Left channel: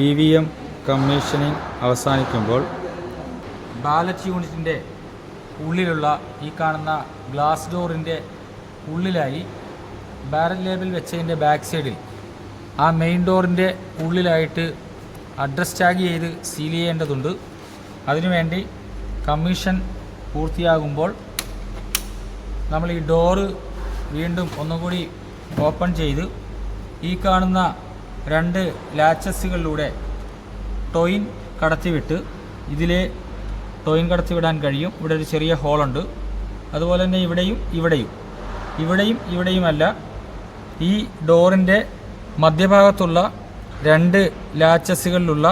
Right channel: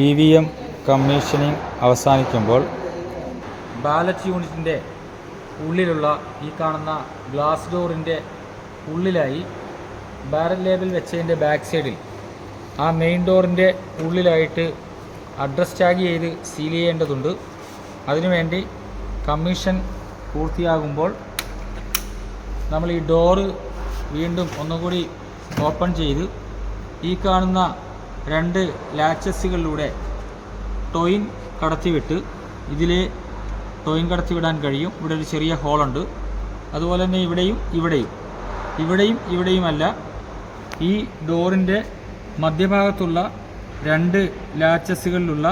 EVM commissioning അവസാനിക്കുമ്പോൾ ballot യൂണിറ്റിൻ്റെ ഉള്ളിലുള്ള ഈ കാണുന്ന ഗ്ലാസ് ഡോറിൻ്റെ ഉള്ളിലായി ബാരൽ ലേബൽ വെച്ചതിൻ്റെ ബാക്ക് സൈഡിൽ ആ മെയിൻ ഡോറിൻ്റെ ഉള്ളിലായിട്ട് അഡ്രസ് ടാഗ് ചെയ്ത് സീൽ ചെയ്യേണ്ടതുണ്ട്. അതിനുവേണ്ടി കമ്മീഷൻ പൂർത്തിയാകുമ്പോൾ നമ്മൾ ഈ ഡോറ് വീണ്ടും ഒന്നുകൂടി ഓപ്പൺ ചെയ്ത് ഈ കാണുന്ന 2 ലാച്ചസുകളിലൂടെ ടോയിൻ കടത്തിവിട്ട് ഇതിലെ ടോയിൻ കടത്തിവിടാൻ കഴിയും. ഇവിടെ ഒരു ചെറിയ ഹോളുണ്ട്. അതുപോലെ തന്നെ ഇവിടെയുമല്ല, ഈ ഡോറിൻ്റെ മധ്യഭാഗത്തുള്ള 2 ലാച്ചസുകളിലുള്ള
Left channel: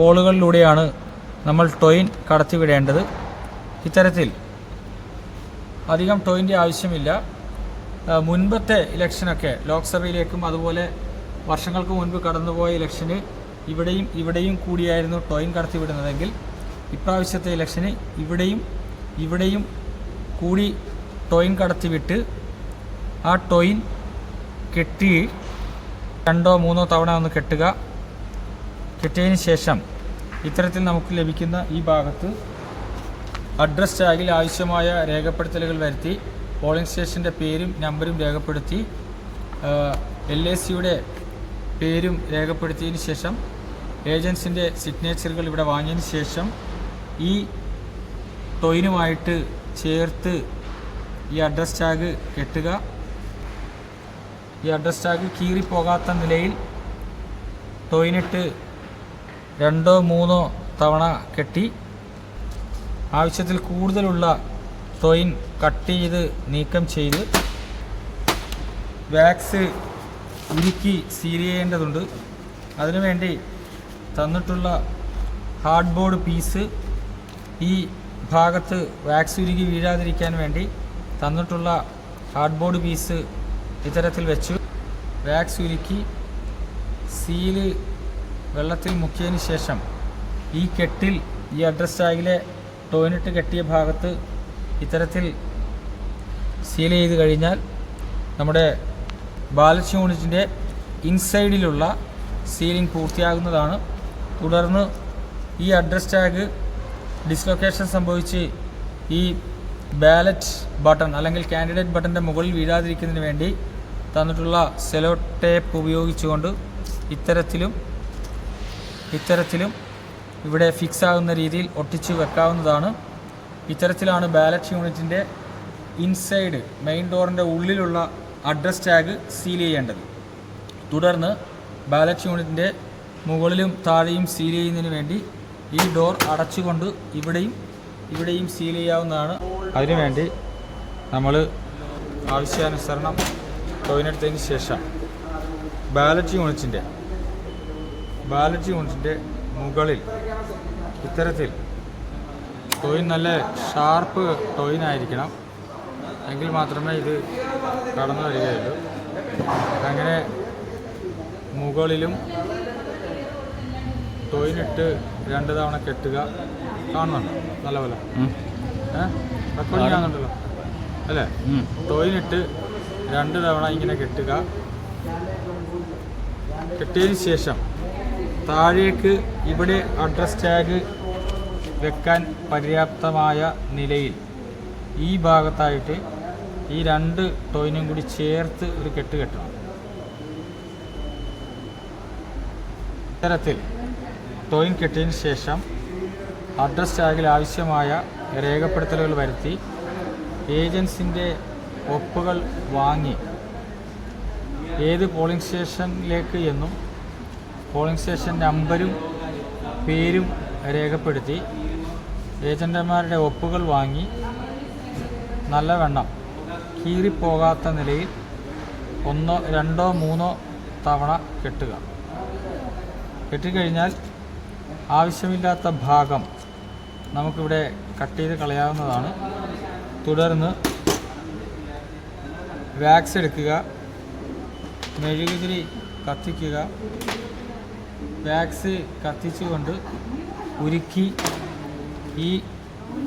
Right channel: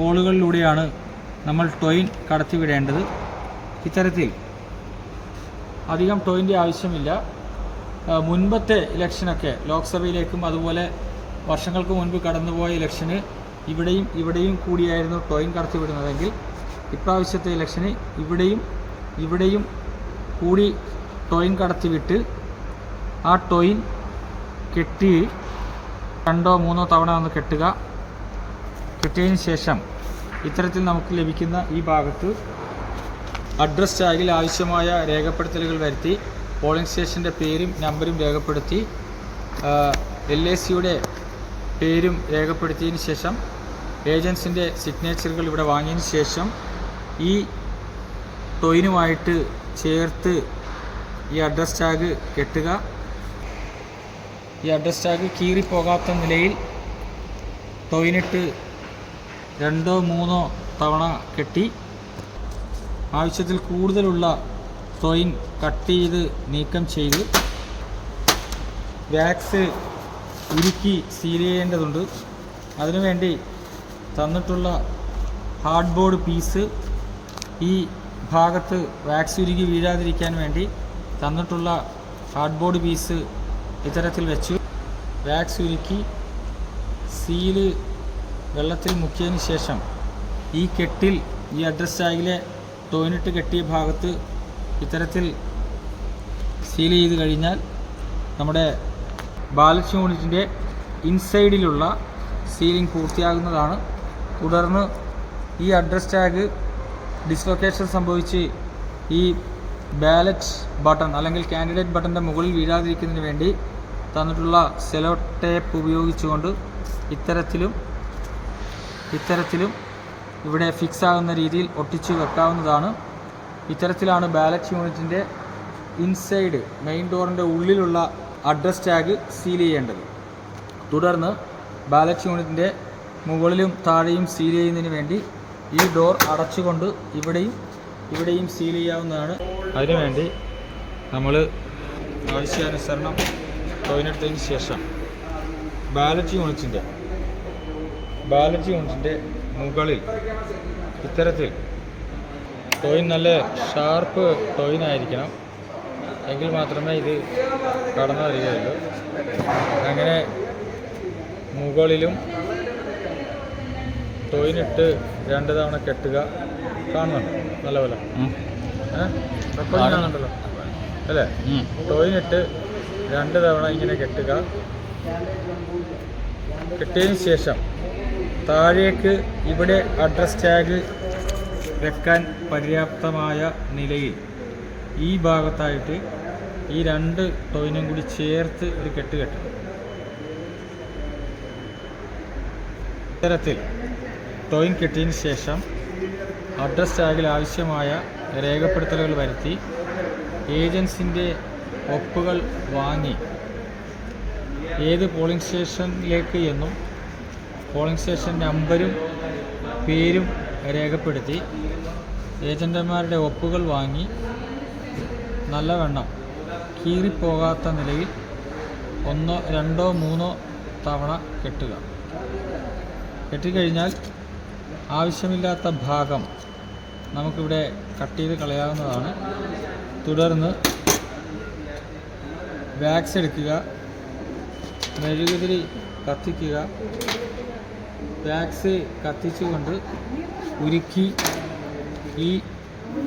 ഹോളുകളിലൂടെയാണ് നമ്മൾ ടോയിൻ കടത്തിവിടേണ്ടത്. ഇത്തരത്തിൽ അധികം ടോയിൻ്റെ ആവശ്യമില്ല. മുൻപത്തെ ഇലക്ഷനൊക്കെ ലോക്സഭയിലേക്കും അതുപോലെ വർഷങ്ങൾക്ക് മുൻപ് കടന്നുപോയ ഇലക്ഷന് ഇവിടെയും കൂടിയായിരുന്നു ടോയിൻ കടത്തിവിടുന്നതെങ്കിൽ ഇപ്രാവശ്യത്തെ ഇലക്ഷന് ഇവിടെയും കൂടി ടോയിൻ കടത്തിവിട്ട് ആ ടോയിൻ കെട്ടി 2 or 3 തവണ ഒന്ന് കെട്ടിയതിന് ശേഷം ഇത്തരത്തിൽ നമുക്ക് ലഭിക്കുന്ന ഈ ഭാഗത്ത് അഡ്രസ് ടാഗിൽ ആവശ്യമായ രേഖപ്പെടുത്തലുകൾ വരുത്തി പോളിംഗ് സ്റ്റേഷൻ്റെ പേരും നമ്പരും രേഖപ്പെടുത്തി LACയുടെ പേരും രേഖപ്പെടുത്തിയതിന് ശേഷം ഏജൻസിൻ്റെ സിഗ്നേച്ചറുകൾ ഇവിടെ വാങ്ങിയതിന് ശേഷം ഈ ടോയിനുമായിട്ട് ചേർത്ത് ഈ അഡ്രസ് ടാഗ് കെട്ടുക. ഈ അഡ്രസ് ടാഗ് കീറിപ്പോകാത്ത നിലയിൽ ടോയിനിട്ട് 2 or 3 തവണ കെട്ടി ആവശ്യത്തിൽ കൂടുതലുള്ള ടോയിൻ കട്ട് ചെയ്ത് നീക്കം ചെയ്ത് വാക്സ് ഉരുക്കി സീൽ ചെയ്യേണ്ടതുണ്ട്. അതിനുവേണ്ടി തന്നിട്ടുള്ള ഹാർഡ് ബോർഡ് പീസ് ഈ ഭാഗത്ത് വാക്സ് ഉരുക്കി വീഴാതിരിക്കാൻ വേണ്ടി തന്നിട്ടുള്ള ഹാർഡ് ബോർഡ് പീസ് ഇത്തരത്തിൽ വെച്ചു വാക്സ് ഉരുക്കി സീല് വെള്ളത്തിൽ മുക്കിയതിന് ശേഷം ഈ കെട്ടിൽ ഈ അഡ്രസ് ടാഗിലെ ടോയിനിട്ട് കെട്ടിയ ഭാഗത്ത് ഇത്തരത്തിൽ സീൽ ചെയ്ത് കഴിഞ്ഞാൽ നമ്മുടെ ബാലറ്റ് യൂണിറ്റിൻ്റെ ഇൻസൈഡിലുള്ള സീലിംഗ് പൂർത്തിയാകുന്നതാണ്. തുടർന്ന് ഈ അഡ്രസ് ടാഗ് ഡിസ്ലൊക്കേഷൻ സംഭവിച്ച് ഈ ബാലറ്റ് ബട്ടൺ അല്ലെങ്കിൽ കാൻഡിഡേറ്റ് ബട്ടൻ്റെ മുകളിൽ വീഴാതിരിക്കുന്നതിന് വേണ്ടി തന്നിട്ടുള്ള സെലോ ടേപ്പ് ഉപയോഗിച്ചുകൊണ്ട് ഇത്തരത്തിലും ഇവിടെ ഫിക്സ് ആകുന്ന രീതിയിൽ ഒട്ടിച്ചു വെക്കാവുന്നതാണ്. ഇത്തരത്തിലാണ് ബാലറ്റ് യൂണിറ്റിൻ്റെ ഇൻസൈഡ് മെയിൻ ഡോറിൻ്റെ ഉള്ളിലുള്ള അഡ്രസ് ടാഗ് സീൽ ചെയ്യേണ്ടത്. തുടർന്ന് ബാലറ്റ് യൂണിറ്റിൻ്റെ മുകളിലും താഴെയും സീൽ ചെയ്യുന്നതിന് വേണ്ടി ഈ ഡോർ അടച്ചുകൊണ്ട് ഇവിടെയും സീൽ ചെയ്യാവുന്നതാണ്. അതിനുവേണ്ടി നമ്മൾ ആവശ്യാനുസരണം ടോയിനെടുത്തതിന് ശേഷം ബാലറ്റ് യൂണിറ്റിൻ്റെ മുകളിൽ ഇത്തരത്തിൽ ടോയിൻ നല്ല ഷാർപ്പ് ടോയിനായിരിക്കണം, എങ്കിൽ മാത്രമേ ഇത് കടന്നു വരികയുള്ളൂ. അങ്ങനെ മുകളിലും ടോയിനിട്ട് 2 തവണ കെട്ടുക. കാണുന്നുണ്ടോ നല്ലപോലെ? അപ്പോൾ കാണുന്നുണ്ടല്ലോ അല്ലേ? ടോയിനിട്ട് 2 തവണ ഇങ്ങനെ കെട്ടുക. കെട്ടിയതിന് ശേഷം താഴേക്ക് ഇവിടെ അഡ്രസ് ടാഗ് വെക്കാൻ പര്യാപ്തമായ നിലയിൽ ഈ ഭാഗത്തായിട്ട് ഈ 2 ടോയിനും കൂടി ചേർത്ത് ഒരു കെട്ടണം. ഇത്തരത്തിൽ ടോയിൻ കെട്ടിയതിന് ശേഷം അഡ്രസ് ടാഗിൽ ആവശ്യമായ രേഖപ്പെടുത്തലുകൾ വരുത്തി ഏജൻസിൻ്റെ ഒപ്പുകൾ വാങ്ങി ഏത് പോളിംഗ് സ്റ്റേഷനിലേക്ക് എന്നും പോളിംഗ് സ്റ്റേഷൻ നമ്പരും പേരും രേഖപ്പെടുത്തി ഏജന്റുമാരുടെ ഒപ്പുകൾ വാങ്ങി നല്ലവണ്ണം കീറിപ്പോകാത്ത നിലയിൽ 1, 2, 3 തവണ കെട്ടുക. കെട്ടിക്കഴിഞ്ഞാൽ ആവശ്യമില്ലാത്ത ഭാഗം നമുക്കിവിടെ കട്ട് ചെയ്ത് കളയാവുന്നതാണ്. തുടർന്ന് വാക്സ് എടുക്കുക, മെഴുകുതിരി കത്തിക്കുക. വാക്സ് കത്തിച്ചുകൊണ്ട് ഉരുക്കി ഈ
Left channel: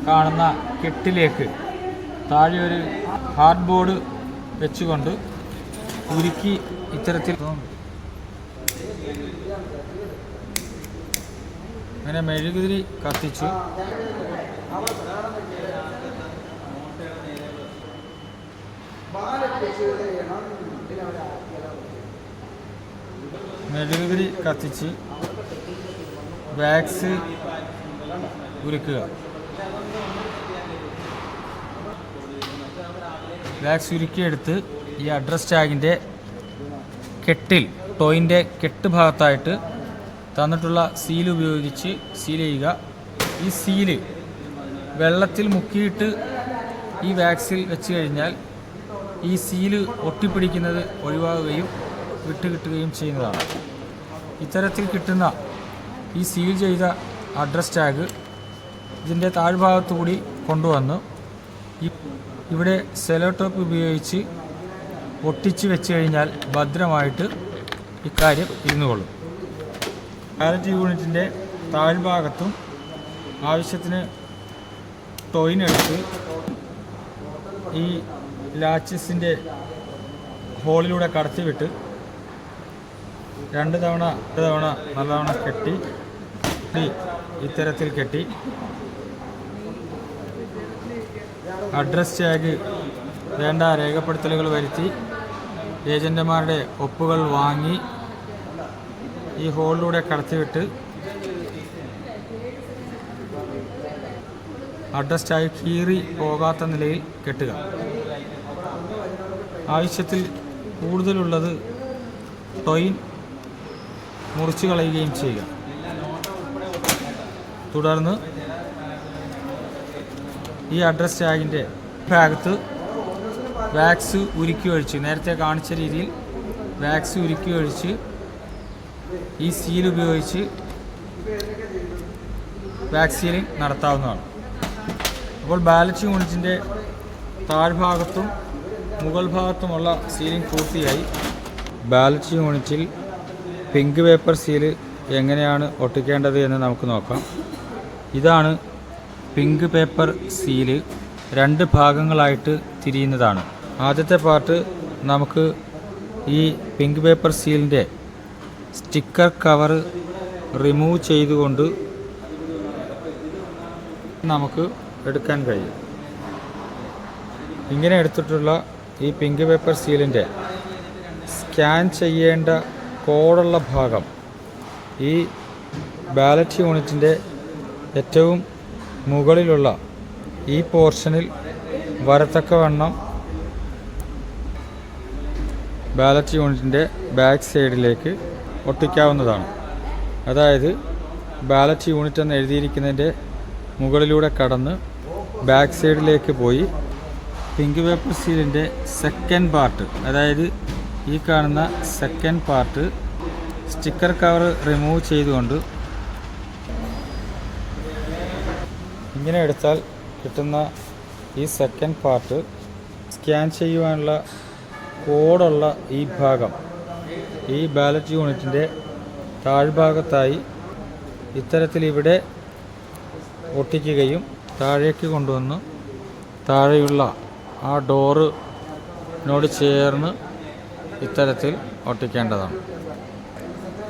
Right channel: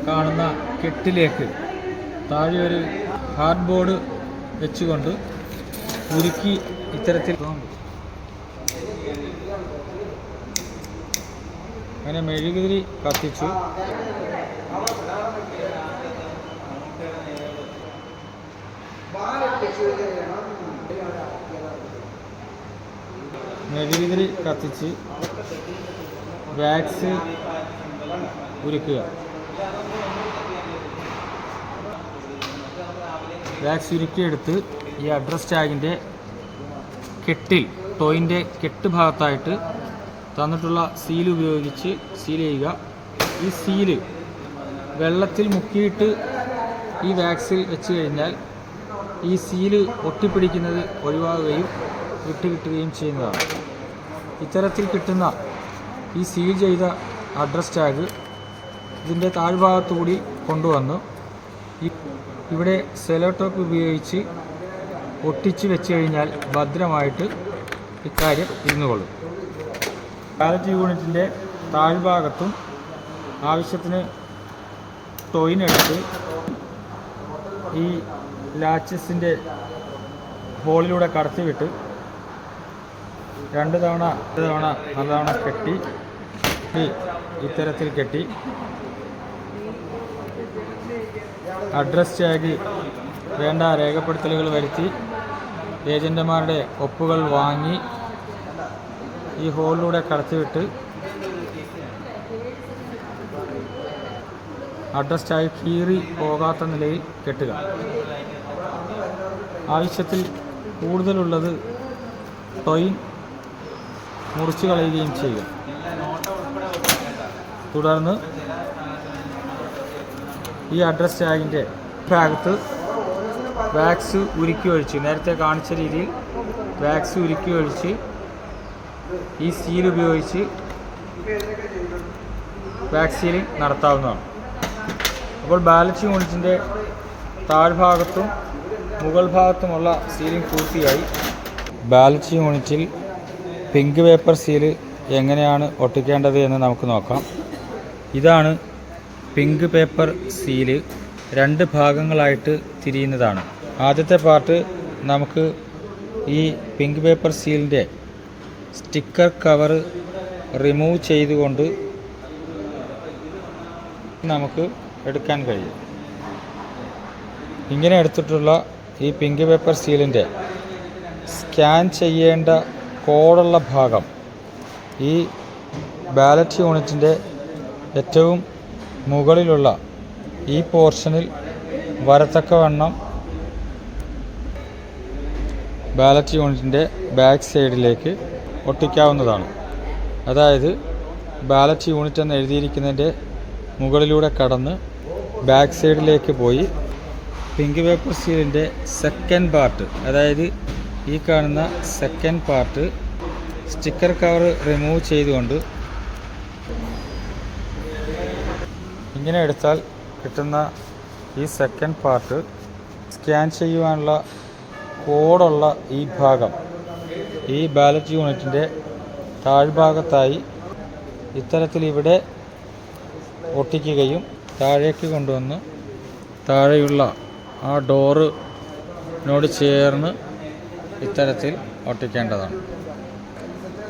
കാണുന്ന കെട്ടിലേക്ക് താഴെ ഒരു ഹാർഡ് ബോർഡ് വെച്ചുകൊണ്ട് ഉരുക്കി ഇത്തരത്തിൽ അങ്ങനെ മെഴുകുതിരി കത്തിച്ചു. മെഴുകുതിരി കത്തിച്ച് വാക്സ് ഉരുക്കുക. വാക്സ് ഉരുക്കിയെടുത്ത് ഈ അഡ്രസ് ടാഗിൻ്റെ കെട്ടിൽ, ടോയിൻ്റെ കെട്ട് ഭാഗത്തായിട്ട് തന്നിട്ടുള്ള സീൽ ഉപയോഗിച്ച് സീൽ ചെയ്യുക. ഈ സീല് വെള്ളത്തിൽ മുക്കിയിട്ട് ഈ വാക്സിൽ വെച്ച് കഴിഞ്ഞാൽ ഈ സീല് ഒട്ടിപ്പിടിക്കുന്നത് ഒഴിവാകുകയും വിട്ടുകിട്ടുകയും ചെയ്യുന്നതാണ്. ഇത്തരത്തിൽ കിട്ടുന്ന ഈ സീൽ ചെയ്ത അഡ്രസ് ടാഗ് ഇതിൻ്റെ താഴ്ഭാഗത്തുകൂടി കൊണ്ടുവന്ന് ഇവിടെ സെലോ ടോപ്പ് ഉപയോഗിച്ച് ഒട്ടിച്ച് വെച്ച് കഴിഞ്ഞാൽ ഭദ്രമായിട്ട് ഇക്കാര്യം ഇരുന്നുകൊള്ളും. ബാലറ്റ് യൂണിറ്റിൻ്റെ താഴ്ഭാഗത്തും ആവശ്യത്തിന് ടോയിനെടുത്ത് ഈ ലാച്ചസിൻ്റെ ഹോളിലൂടെ കടത്തിവിട്ട് രണ്ട് തവണ നല്ലവണ്ണം കെട്ടി ഇത്തരത്തിൽ കെട്ടി അഡ്രസ് ടാഗ് വേണ്ട രേഖപ്പെടുത്തലുകൾ വരുത്തി ഏജന്റുമാരുടെ ഒപ്പുകൾ വാങ്ങി ഈ ഹോളിലൂടെ കടത്തിവിട്ട് അഡ്രസ് ടാഗ് കീറി പോകാത്ത നിലയിൽ കെട്ടുക. ആവശ്യത്തിൽ കൂടുതലുള്ളത് ടോയിൻ മുറിച്ചു കളയുകയും ചെയ്യുക. തുടർന്ന് ഈ അഡ്രസ് ടാഗിൻ്റെ ഭാഗത്ത് വാക്സ് ഉരുക്കി ഒഴിച്ച്, നേരത്തെ കാണിച്ച രീതിയിൽ വാക്സ് ഉരുക്കി ഒഴിച്ച് ഈ സീൽ ഉപയോഗിച്ച് വാക്സ് സീലിംഗ് നടത്താവുന്നതാണ്. അപ്പോൾ ബാലറ്റ് യൂണിറ്റിൻ്റെ താഴ്ഭാഗത്തും മുകൾ ഭാഗത്തുമുള്ള സീലിംഗ് പൂർത്തിയായി. ബാലറ്റ് യൂണിറ്റിൽ പിങ്ക് പേപ്പർ സീല് എങ്ങനെയാണ് ഒട്ടിക്കേണ്ടത് എന്ന് നമുക്ക് നോക്കാം. ഇതാണ് പിങ്ക് പേപ്പർ സീല്. രണ്ട് ഭാഗങ്ങളായിട്ട് തിരിയുന്നതാണ്. ആദ്യത്തെ പാർട്ട് നമുക്ക് ഈ പിങ്ക് പേപ്പർ സീലിൻ്റെ സ്റ്റിക്കർ കവർ റിമൂവ് ചെയ്തുകൊണ്ട് നമുക്ക് എടുക്കാൻ കഴിയും. ഇങ്ങനെ എടുത്തിട്ടുള്ള ഈ പിങ്ക് പേപ്പർ സീലിൻ്റെ സ്കാൻ ചെയ്യേണ്ട കോഡുള്ള ഭാഗം ഈ ബാലറ്റ് യൂണിറ്റിൻ്റെ ഏറ്റവും മുകളിലുള്ള ഈ പോർഷനിൽ വരത്തക്കവണ്ണം ബാലറ്റ് യൂണിറ്റിൻ്റെ ബാക്ക് സൈഡിലേക്ക് ഒട്ടിക്കാവുന്നതാണ്. അതായത് ബാലറ്റ് യൂണിറ്റ് എന്ന് എഴുതിയിരിക്കുന്നതിൻ്റെ മുകളിലൂടെ കടന്ന് ബാക്ക് സൈഡിലേക്ക് പോയി പിങ്ക് പേപ്പർ സീലിൻ്റെ സെക്കൻഡ് പാർട്ട്, അതായത് ഈ കാണുന്ന second part sticker cover remove ചെയ്തുകൊണ്ട് ഇങ്ങനെ എടുത്താൽ കിട്ടുന്ന ഈ സെക്കൻഡ് പാർട്ട് സ്കാൻ ചെയ്യുവാനുള്ള കോഡുള്ള ഈ ഭാഗം ഈ ബാലറ്റ് യൂണിറ്റിൻ്റെ താഴ്ഭാഗത്തായി ഇത്തരത്തിൽ ഇവിടെ ഒട്ടിക്കുകയും താഴേക്ക് കൊണ്ടുവന്ന് താഴെയുള്ള ആ ഡോറിനോട് ചേർന്ന് ഇത്തരത്തിൽ ഒട്ടിക്കേണ്ടതാണ്.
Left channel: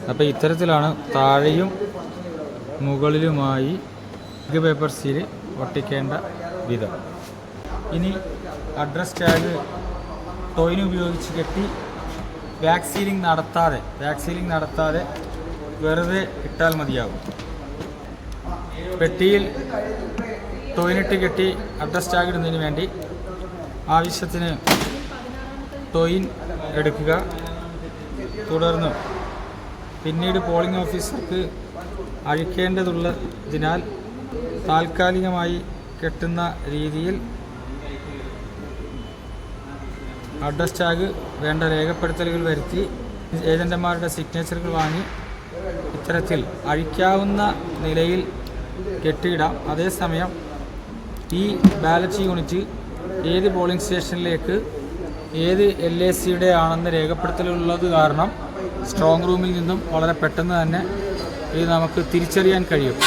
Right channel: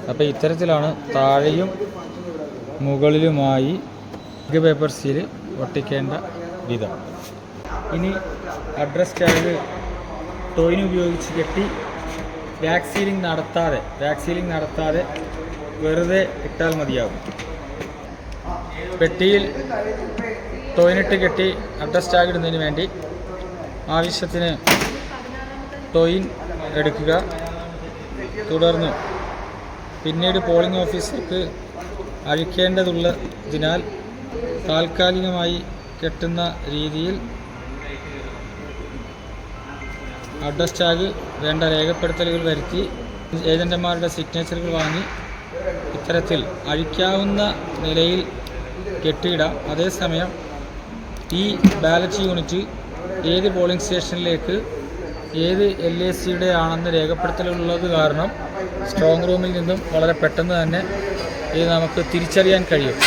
അപ്പോൾ ഇത്തരത്തിലാണ് താഴെയും മുകളിലുമായി പിങ്ക് പേപ്പർ സീല് ഒട്ടിക്കേണ്ട വിധം. ഇനി അഡ്രസ് ടാഗ് ടോയിൻ ഉപയോഗിച്ച് കെട്ടി വാക്സ് സീലിംഗ് നടത്താതെ വെറുതെ ഇട്ടാൽ മതിയാകും. പെട്ടിയിൽ ടോയിനിട്ട് കെട്ടി അഡ്രസ് ടാഗ് ഇടുന്നതിന് വേണ്ടി ആവശ്യത്തിന് ടോയിൻ എടുക്കുക. തുടർന്ന് പിന്നീട് പോളിംഗ് ഓഫീസർക്ക് അഴിക്കേണ്ടതുള്ളതിനാൽ താൽക്കാലികമായി കെട്ടുന്ന രീതിയിൽ അഡ്രസ് ടാഗ് വേണ്ട രേഖപ്പെടുത്തലുകൾ വരുത്തി ഏജന്റുമാരുടെ സിഗ്നേച്ചറുകൾ വാങ്ങി ഇത്തരത്തിൽ അഴിക്കാവുന്ന നിലയിൽ കെട്ടിയിടാം. അതേസമയം ഈ ബാലറ്റ് യൂണിറ്റ് ഏത് പോളിംഗ് സ്റ്റേഷനിലേക്ക് ഏത് LACയുടെ ആണെന്ന് രേഖപ്പെടുത്തലുള്ളത് കാരണം സ്ട്രോങ് റൂമിൽ നിന്നും വളരെ പെട്ടെന്ന് തന്നെ ഇത് നമുക്ക് തിരിച്ചറിയാൻ കഴിയും.